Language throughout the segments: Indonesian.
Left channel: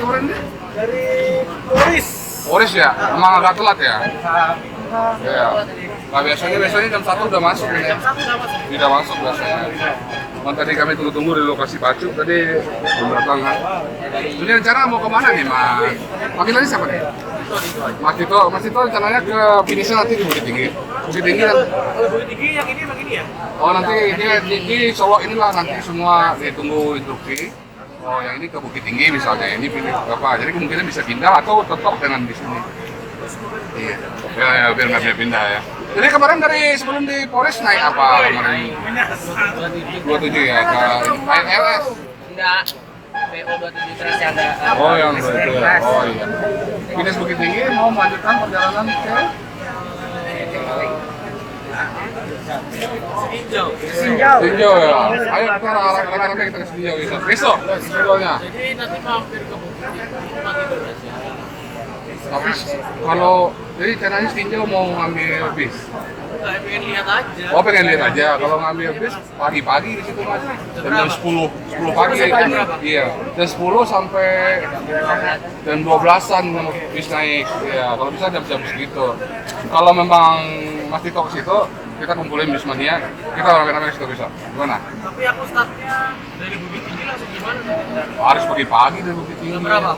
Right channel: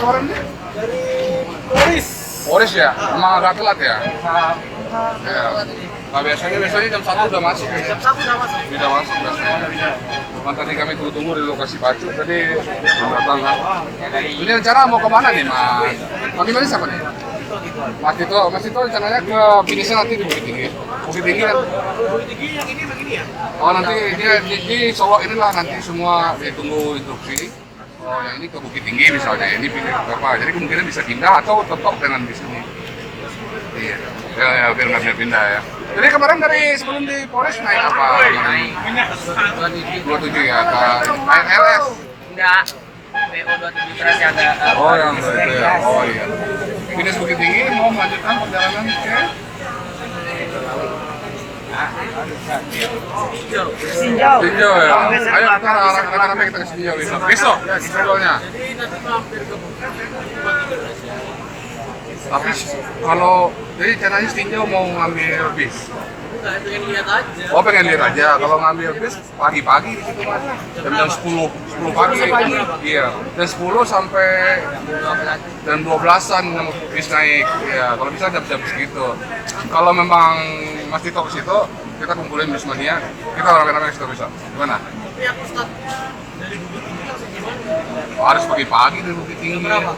kemarin deh? Dari Polris. Polris ya? Emang agak telat ya? Ya. Nah biasanya jam 1 udah masuk ya? Jam 1 udah masuk. Udah masuk biasanya. Cuman tadi kami tunggu-tunggu di lokasi Batu, tadi belum datang. Ini rencana mau kemana nih Mas? Panggilannya siapa nih? Mas Tito rencananya ke finishnya nanti di Bukit Tinggi. Bukit Tinggi kan? Bukit Tinggi yang ini emang ini ya? Oh nanti ini Solo inilah nanti semua ditunggu instruksi. Oh yang ini ke Bukit Tinggi misalnya, ini pilih berapa? Jadi kemungkinan bisa pindah atau tetap dengan di sini. Iya, biar nggak bisa pindah ya. Jadi kemarin dari sebelum di Polres naik apa? Naik 27 ya, naik LS. Enggak. PO 27 beras yang agak. Oh yang itu ya. Oh iya. Finish Bukit Tinggi mau melanjutkan perjalanan ke Sinjau. Sinjau ya. Ayo kita rame-rame kita ke Sinjau besok. Besoknya. Jadi nanti mampir ke Bukit Tinggi pagi aja. Tapi kalau jadi caranya Sinjau mau ngambil bis. Enggak, pengen lihat aja. Oh pengen lihat aja. Kalau ngambil bis pagi-pagi di situ Mas. Jam 10 pagi. Iya. Jam 10 sampai jam 12-an bis naik. Ya kalau bisa jam-jam segitu. Kalau memang Mas Tito ke situ, kita kumpulin bis mania. Kita rame-rame ke situ bisa. Gimana? Tapi aku startnya dari Bukit Tinggi langsung gimana? Oh, harus pagi-pagi dari Bukit Tinggi. Jam berapa?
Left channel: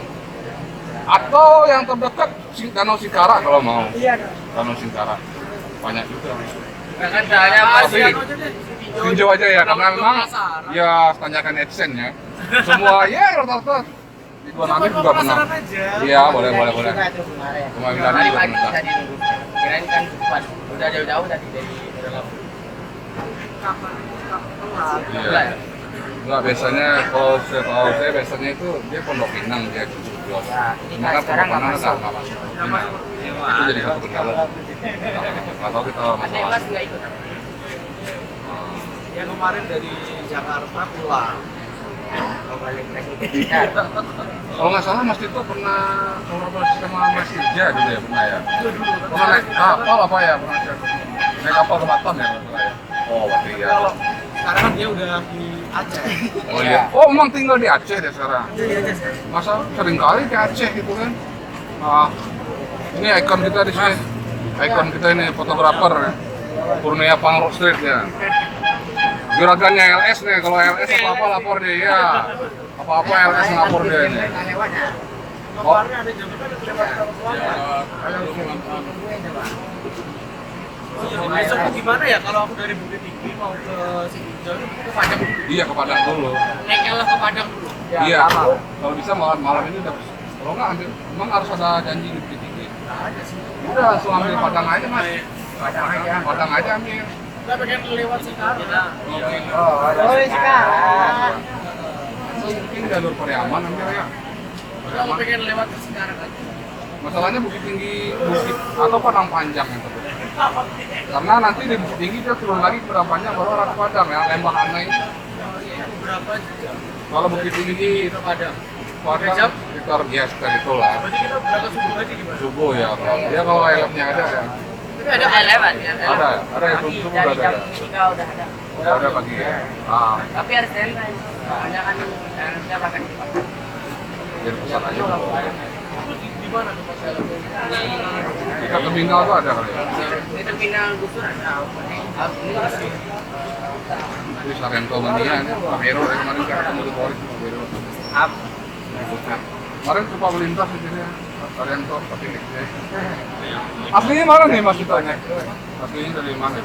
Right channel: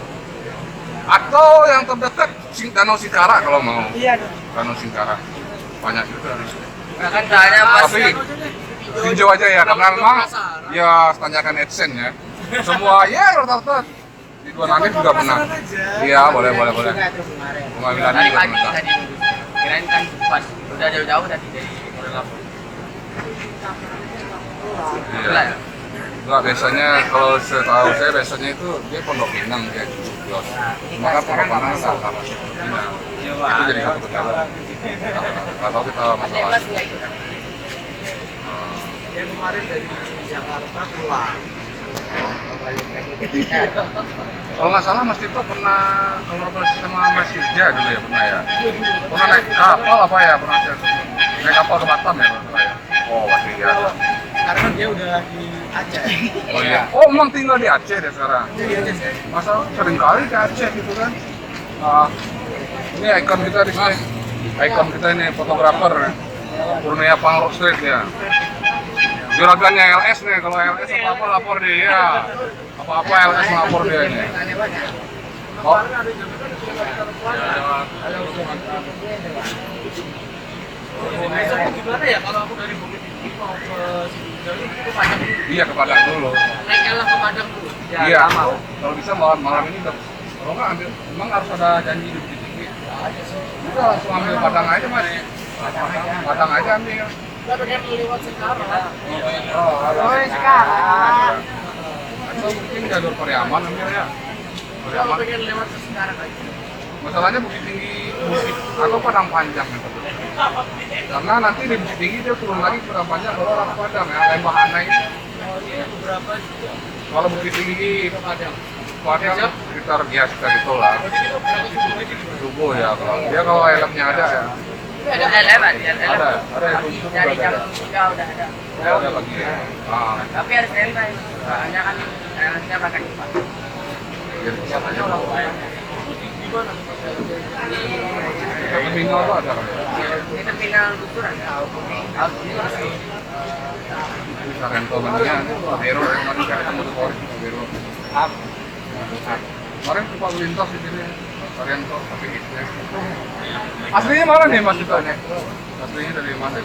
Atau yang terdekat Danau Singkara kalau mau. Iya. Danau Singkara. Banyak juga. Ya kan soalnya Tapi Sinjau aja ya, karena memang ya tanyakan AdSense ya. Semua ya rata-rata di dua nanti juga pernah. Iya boleh. Pengadilan tadi juga pagi pernah. tadi kirain kan cepat. Udah jauh-jauh tadi dari Lampung. Iya. Enggak biasanya kalau setahu saya biasanya itu dia Pondok Pinang dia jujur. Maka sekarang nggak masuk. Itu jadi satu kendala. Kalau kita masalah. Yang kemarin dari Jakarta pulang. Kalau nggak salah Mas Tito pernah kalau sama Mas Ija dulu ya pernah ya. Pernah naik kapal apa ya pernah naik kapal ke Batam ya kalau nggak ya. Oh pasti ya. Sekarang kan dia udah di Aceh. Oh iya. Oh emang tinggal di Aceh dia sekarang. Di Aceh sekarang. Masa sering kali ke Aceh gitu kan. Nah, ini ikon kita di sini. Ikon kita ini fotografer Kurnia Pangrok Sweet ya. Juragannya LS nih, kalau LS apa-apa lapor dia ya. Apa-apa LS lapor dia nih. Oh. Kabarnya ada jabatan besok tuh gimana ya kalau aku dari Bukit Tinggi mau ke Sinjau itu Padang dulu. Iya ke Padang dulu. Naik LF ke Padang dulu. Iya. Kalau bisa malam ini udah. Kalau nggak ambil, emang harus ada janji di Bukit Tinggi. Ada sih. Udah langsung ambil Padang aja Mas. Padang aja ambil. Kita pengen lewat sekarang. Oh, ada. sekarang. Atau mungkin jalur Pariaman ambilnya. Kalau pengen lewat ke sekarang aja. Masalahnya Bukit Tinggi, Bukit atau Padang Panjang yang terdekat. Karena nanti di Bukit Tinggi dia turun lagi ke Padang Panjang baru arah Padang ya, Lembah Anai. Berapa jam? Kalau Bukit Tinggi Ke Padang. Padang sekitar ya sekitar itulah. Berarti kita berangkat subuh aja gimana? Subuh ya kalau dia kalau helmnya ada ya. Tapi ada lewat ya. Ada yang subuh udah Dari ada. jam 3 udah ada. Udah ada pagi ya. Ah, Tapi harus standby. Soalnya kan harusnya makan cepat. jadi pesan aja. Itu di mana? Kita terminal tuh ada kali ya. Di terminal Gusur ada. Itu Sarento Mania, Pak Bero kemarin kita ketemu di Polres Pak Bero. Kemarin coba melintas di sini Pak Sarento tapi ya. Aslinya mana nih Mas Tito ini? Aslinya dari mana?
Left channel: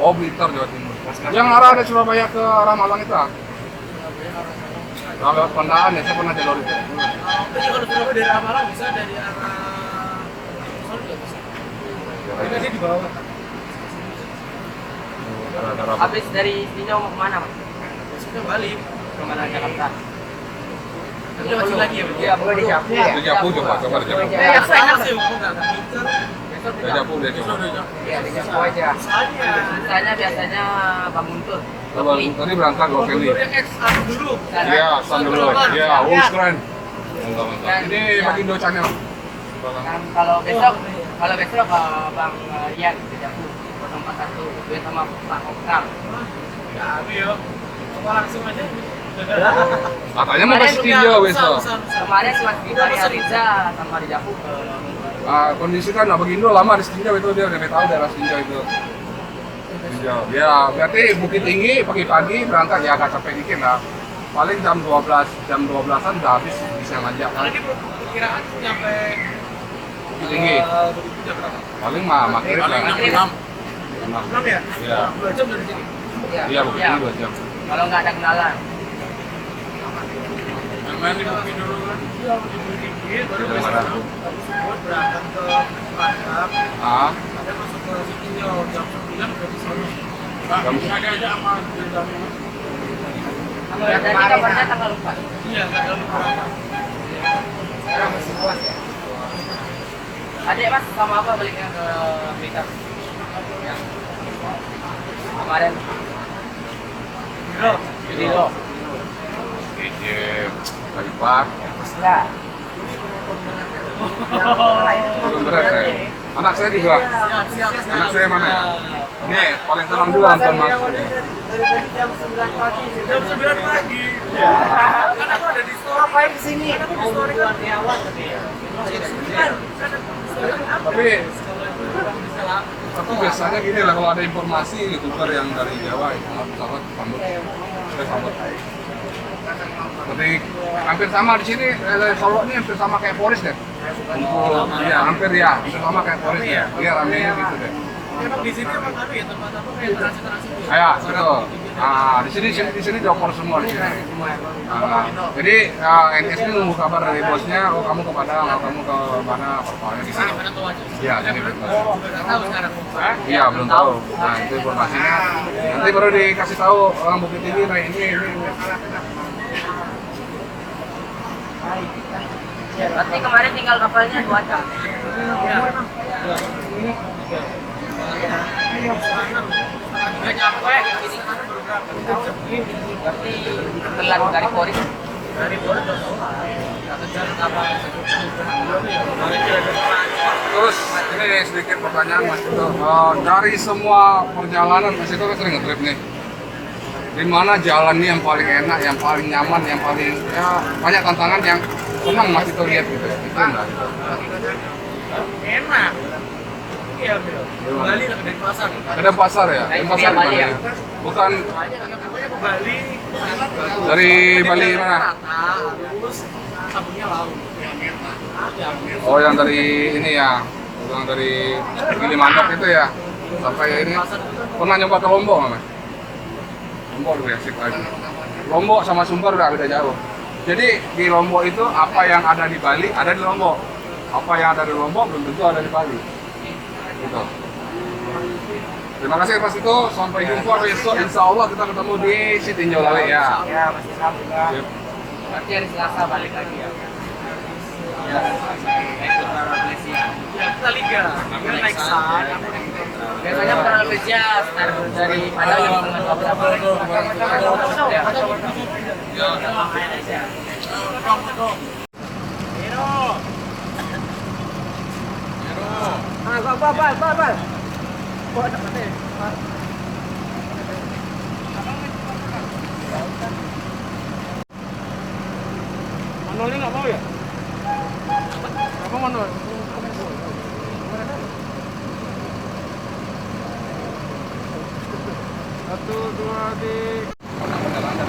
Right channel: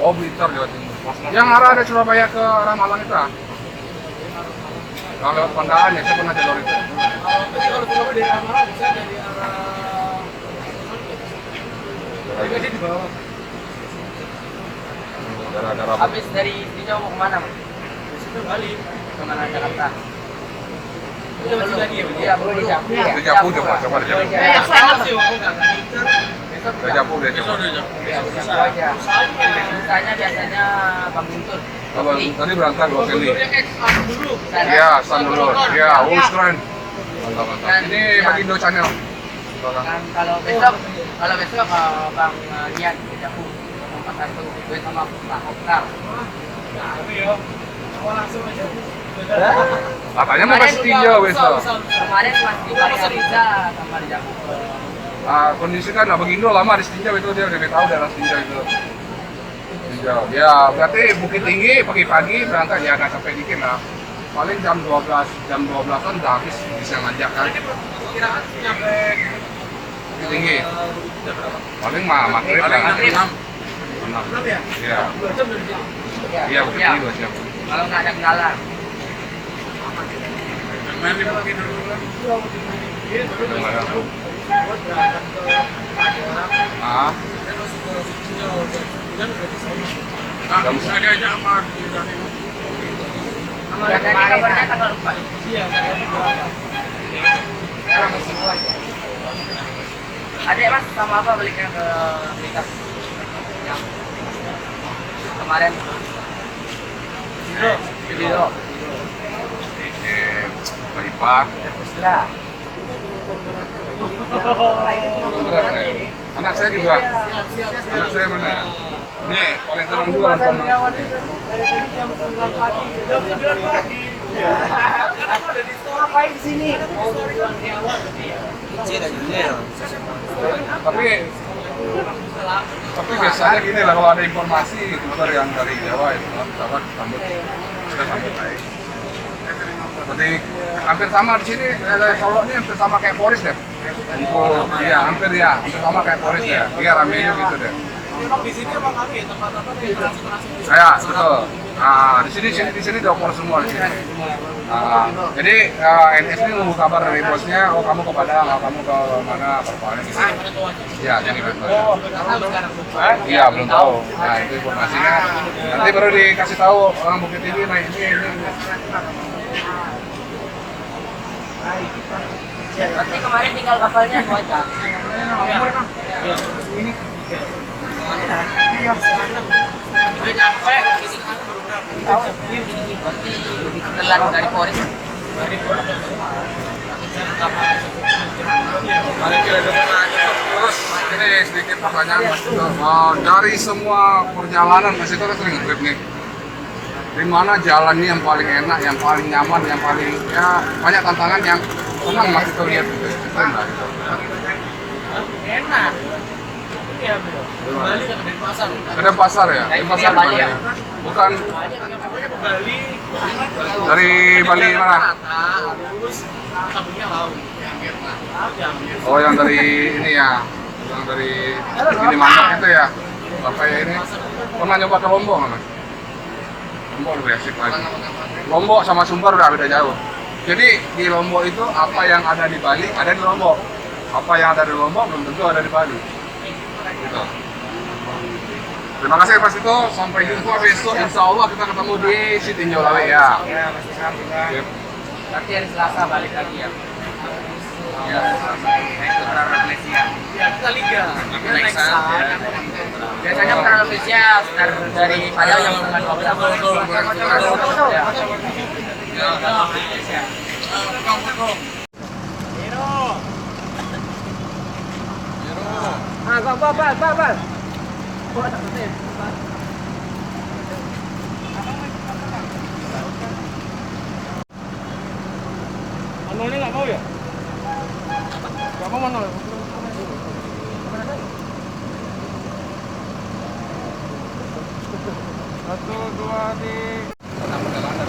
Oh Blitar Jawa Timur. Yang arah dari Surabaya ke arah Malang itu ah? Kalau lewat Pandaan ya, saya pernah jalur itu. Tapi kalau Surabaya dari Malang bisa dari arah Jadi di bawah kan? Daerah-daerah Habis dari Sinjau mau kemana Mas? Besoknya balik. Ke mana Jakarta? Tapi lewat sini lagi ya? Iya, boleh di Japu ya. Itu Japu coba di Japu. Yang saya sih, aku nggak akan mikir. Di Japu deh Besok coba. udah jam. Iya, di Japu aja. Misalnya biasanya Bang Guntur. Kalau tadi berangkat dua kali. Dulu. Iya, stand dulu. Iya, keren. Mantap. Ini bagi Do channel. Dan kalau besok Bang Rian di Japu 041 gue sama Pak Oktar. Ya, aku ya. Aku langsung aja. Katanya mau kasih tinjau besok. Kemarin Mas Bima nggak bisa sama di Jaku ke Kondisi kan Abang Indo lama di Tinjau itu, dia udah tahu daerah Tinjau itu. Tinjau. Ya berarti Bukit Tinggi pagi-pagi berangkat ya agak capek dikit lah. Paling jam 12-an udah habis bisa ngajak kan. Karena ini perkiraan nyampe Bukit Tinggi. jam berapa? Paling maghrib lah. Maghrib. 6 ya? Iya. 2 jam dari sini. Iya Bukit Tinggi 2 jam. Kalau nggak ada kenalan. Main di Bukit dulu kan? Iya, di Bukit Tinggi, baru Udah besok mana? baru buat berangkat ke Padang. Ah, Dan masuk ke Sitinjau jam 9 udah di sana. Jam- Ada aja sama Kalau yang tadi kabarnya tanggal 4. Iya, tanggal berapa? Sekarang masih puas ya. Adik Mas sama apa baliknya ke Blitar? Ya. Kemarin Giro. Giro. di Baipar. Lah. Beneran ya? Anak saya juga. Siap. Anak saya mana? Ini paling senang juga nonton Mas. Jam 9 pagi. Jam 9 pagi. Iya. Kan aku ada di story. Ngapain kesini? Kan aku di story kan di awal tadi ya. Tapi biasanya gini lah, kalau ada informasi youtuber yang dari Jawa itu misalkan sambut, kita sambut aja. Seperti hampir sama di sini, Solo ini hampir sama kayak Polres deh. Untuk ya hampir sama kayak Polres ya. Iya ramenya gitu deh. Emang di sini emang anu ya tempat apa kayak transit gitu. Ya betul. Nah di sini udah Polres semua di sini. Jadi NS ini nunggu kabar dari bosnya, oh kamu ke Padang, oh kamu ke mana, persoalannya di sini. Mana tahu aja. Iya, sini betul. Nggak tahu sekarang. Iya belum tahu. Nah itu informasinya. Nanti baru dikasih tahu orang Bukit Tinggi. Nah ini. Berarti kemarin tinggal kapalnya cuaca. Iya. Udah nyampe, ini kan baru berapa? Berarti telat dari Polres. Dari Polres udah keluar. Satu jam apa? Mari kita depan. Terus ini sedikit pertanyaan Mas Tito. Dari semua perjalanan Mas Tito kan sering nge-trip nih. Di mana jalan ini yang paling enak, yang paling nyaman, yang paling ya banyak tantangan yang senang Mas Tito lihat gitu. Itu enggak gitu. Enak. Iya, Bel. Bali ke Denpasar. Ada pasar ya? Di pasar Bali ya? Bukan Pokoknya ke Bali. dari Bali Jalan mana? rata, terus sabunnya laut. Oh yang dari ini ya, yang dari Gilimanuk itu ya. Kayak ini. Pernah nyoba ke Lombok nggak? Mas? Lombok dulu ya sih paling. Lombok sama Sumbar udah beda jauh. Jadi di Lombok itu apa yang ada di Bali ada di Lombok. Apa yang ada di Lombok belum tentu ada di Bali. Gitu. Terima kasih Mas Tito. Sampai jumpa besok. Insya Allah kita ketemu di Sitinjau Lawe ya. Ya, masih sambung ya. Yep. Berarti hari Selasa balik lagi ya. Ya. Itu Malaysia. Ya, kita liga. Kita naik sana. Biasanya orang Malaysia dari Padang yang dengan Semuanya nggak mau ya? Kamu mana? Satu, dua, tiga. Pernah perjalanan